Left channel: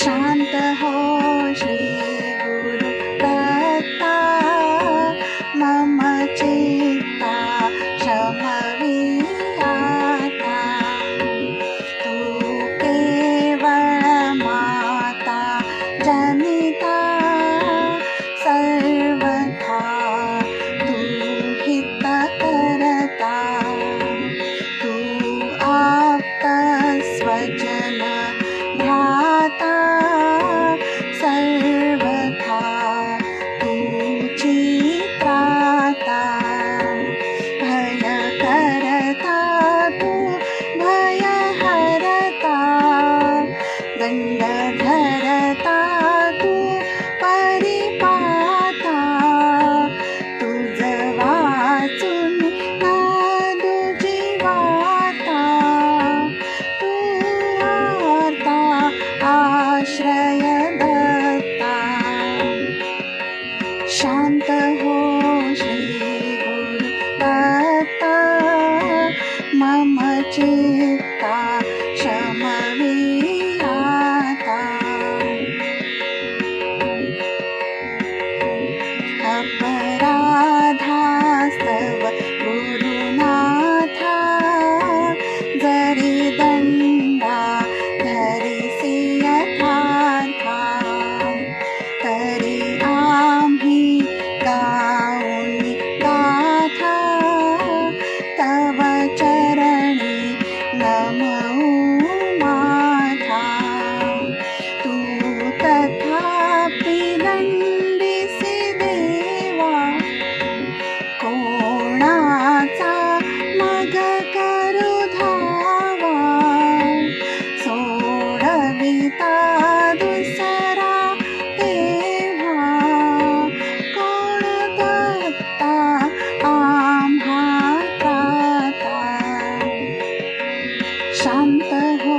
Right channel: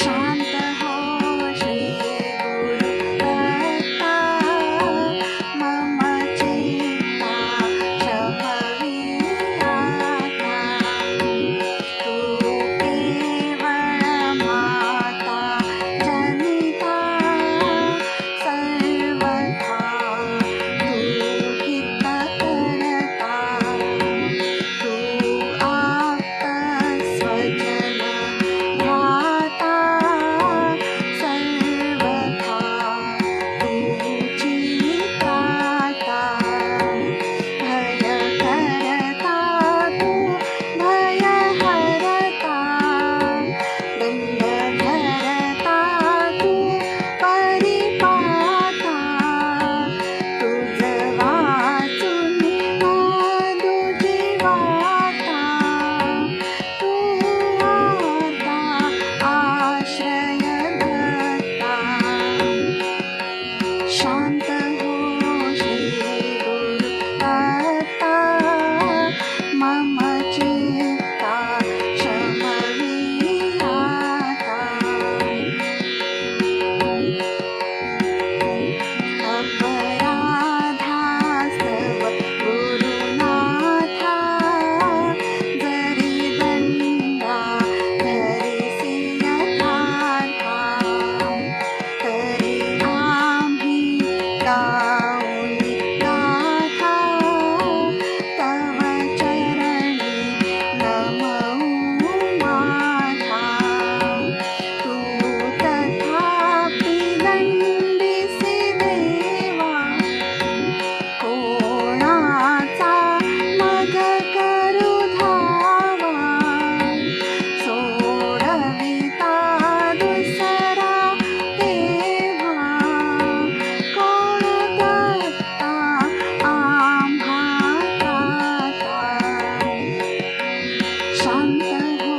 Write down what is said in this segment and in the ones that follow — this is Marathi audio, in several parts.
शांत हो श्री गुरु दत्ता, मम चित्ता शमवियाता। तू केवळ माता जनिता, सर्वथा तू हित करता। तू आप्त स्वजन भ्राता, सर्वथा तुझी त्राता। भय करता तू भय हरता, दंड धरता तू परिपाता। तुझ वाचून नादू जीवाता, तू आता आश्रय दत्ता। शांत हो श्री गुरु दत्ता, मम चित्ता शमवियाता। अपराधास्तव गुरुनाथा, जरी दंडा धरिसी यथार्था। तरी आम्ही गाऊनी गाथा, तव चरणी नमऊ माथा। तू तथापि दंडिसी देवा, कोणाचा मग करू धावा। सोडविता दुसरा तेव्हा, कोण दत्ता आम्हा त्राता। शांत हो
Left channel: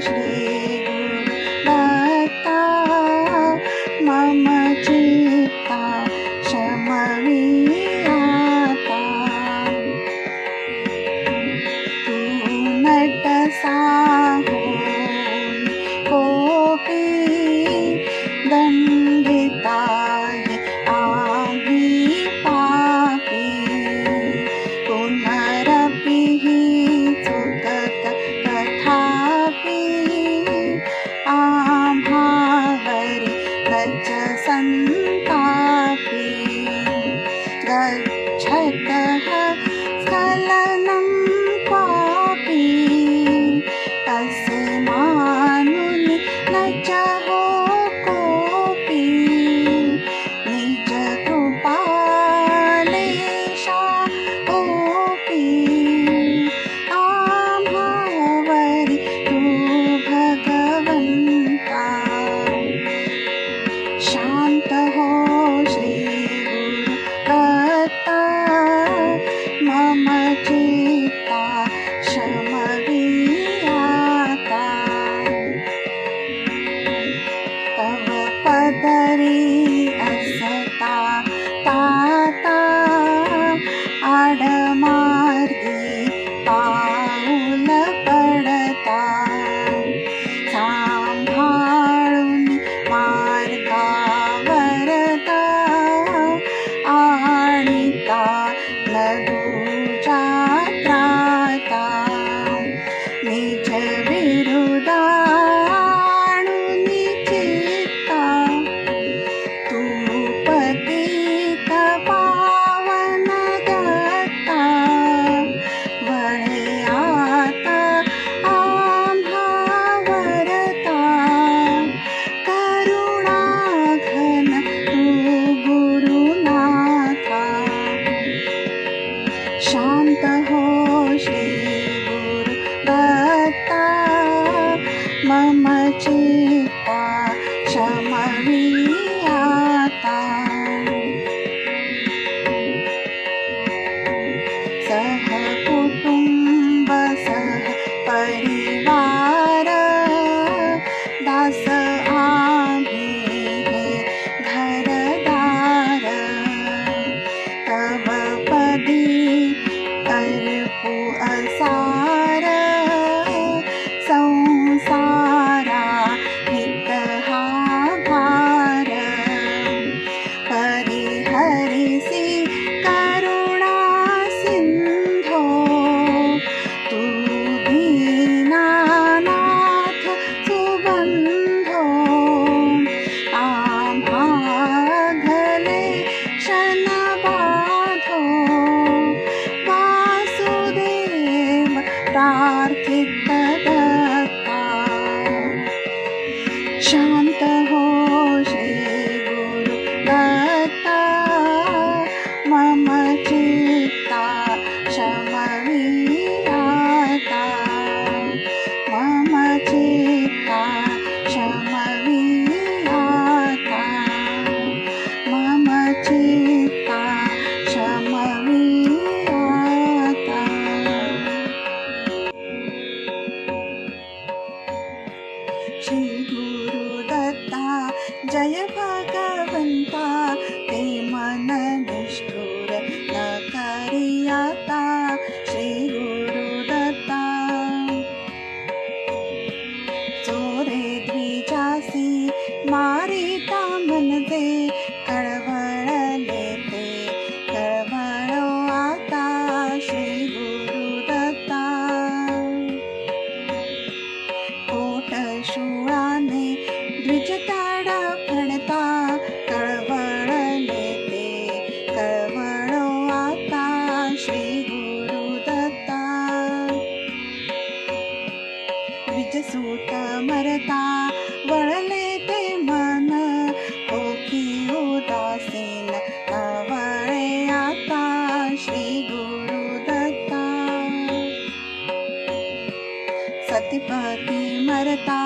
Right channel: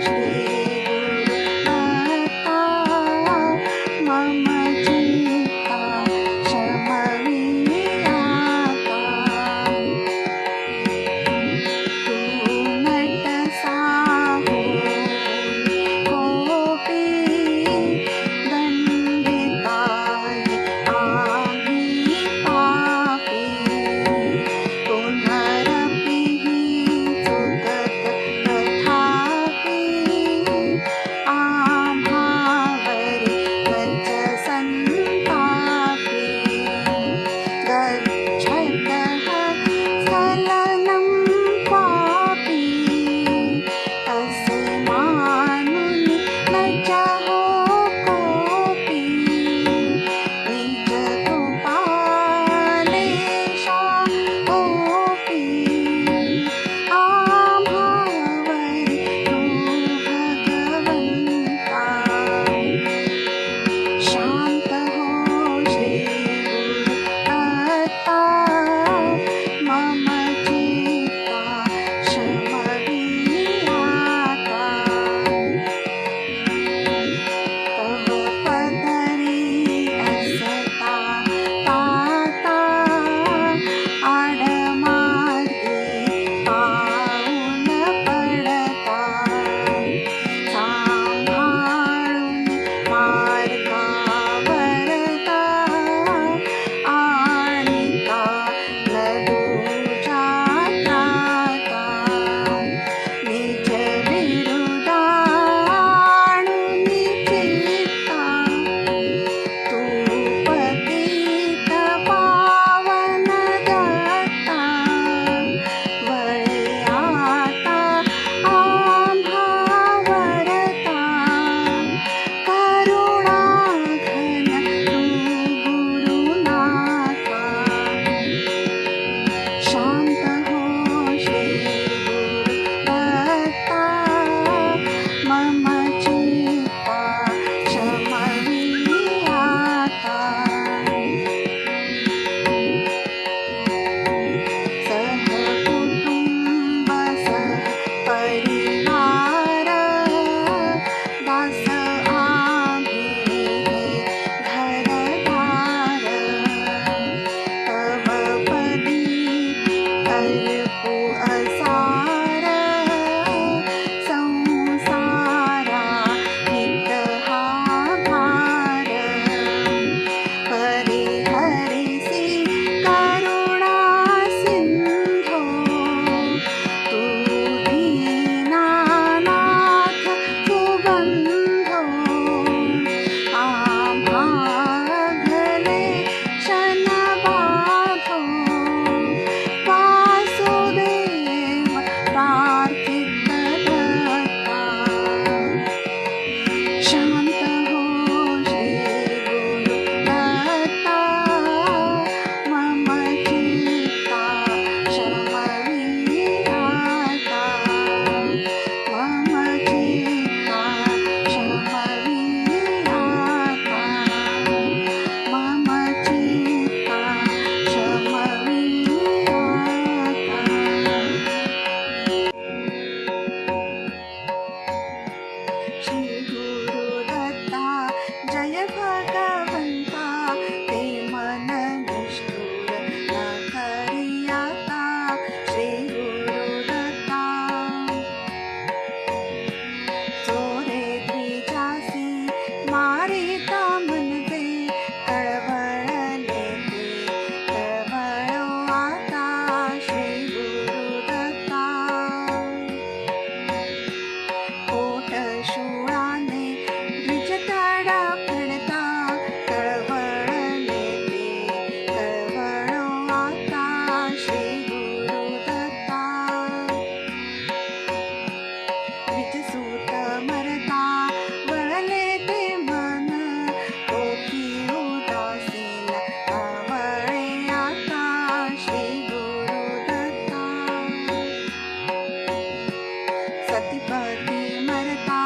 श्री गुरु दत्ता, मम चित्ता शमवियाता। तू नटसा होई कोपी, दंडिताहि आम्ही पापी। पुनरपि हि चुकत तथापि, आम्हावरी नच संतापी। गच्छतः स्खलनं क्वापि, असे मानुनि न च शांत हो श्री गुरु दत्ता मम चित्ता शमविराता मम चित्ता शमविराता मम चित्ता शमविराता श्री गुरुदत्ता जय भगवंता ते मन निष्ठुर न करियाता श्री गुरुदत्ता चोरे द्विजासी मारिता मनजे कळवळले ते कळवळो आता श्री गुरुदत्ता कोट शूळाने द्विजताडा फडता कळवळले ते कळवळो आता श्री गुरुदत्ता द्विजसूत मरता वळले ते मन ओकी उदासीन आवळे आता श्री गुरुदत्ता सतीपती मरता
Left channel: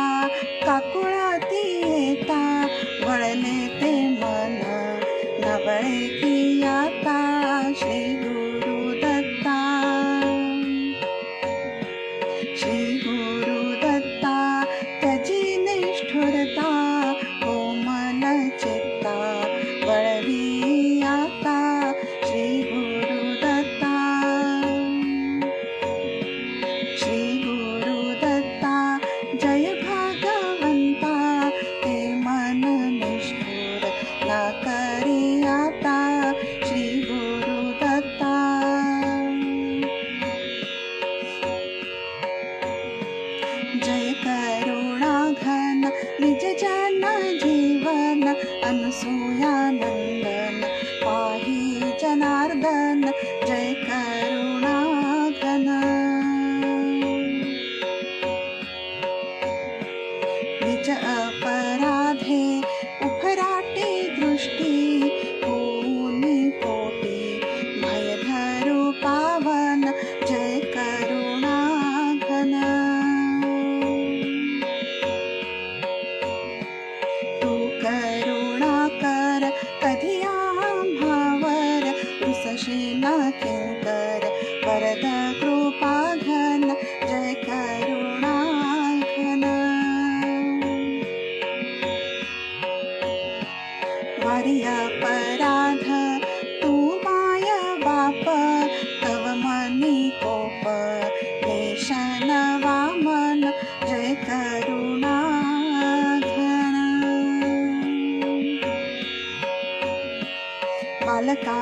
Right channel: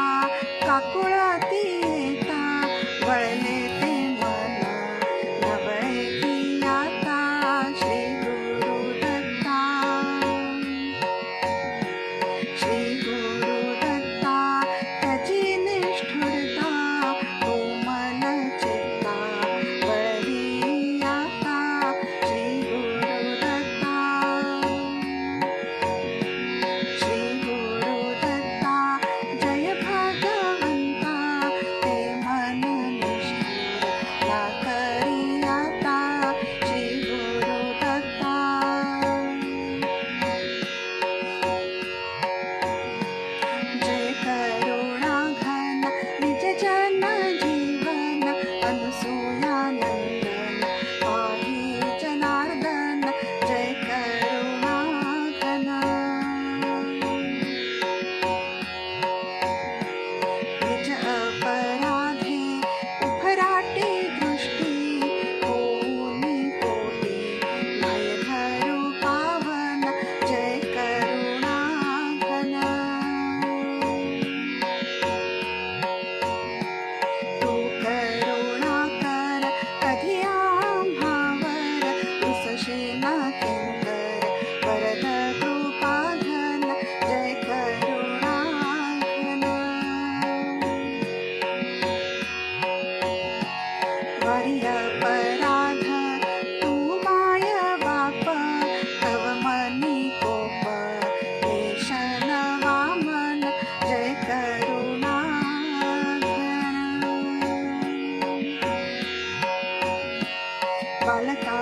काकुळती येता वळले ते मन नवळे की आता श्री गुरुदत्ता श्री गुरुदत्ता तजी निष्ठुरता कोमल चित्ता वळवी आता श्री गुरुदत्ता श्री गुरुदत्ता जय भगवंता ते मन निष्ठुर न करियाता श्री गुरुदत्ता जय करुणा घन निज जन जीवन अनसूयानंदन पाहि जनार्दन जय करुणा घन निज अपराधे उफराटी दृष्टी होनी पोटी भय धरू पावन जय करुणा घन तू करुणा कर कधी आम्हावर रुसशील किंकर वरद कृपा घन जय करुणा घन वारी अपराध तू माय बाप तव मनी कोप लेशन वामन जय करुणा घन बालका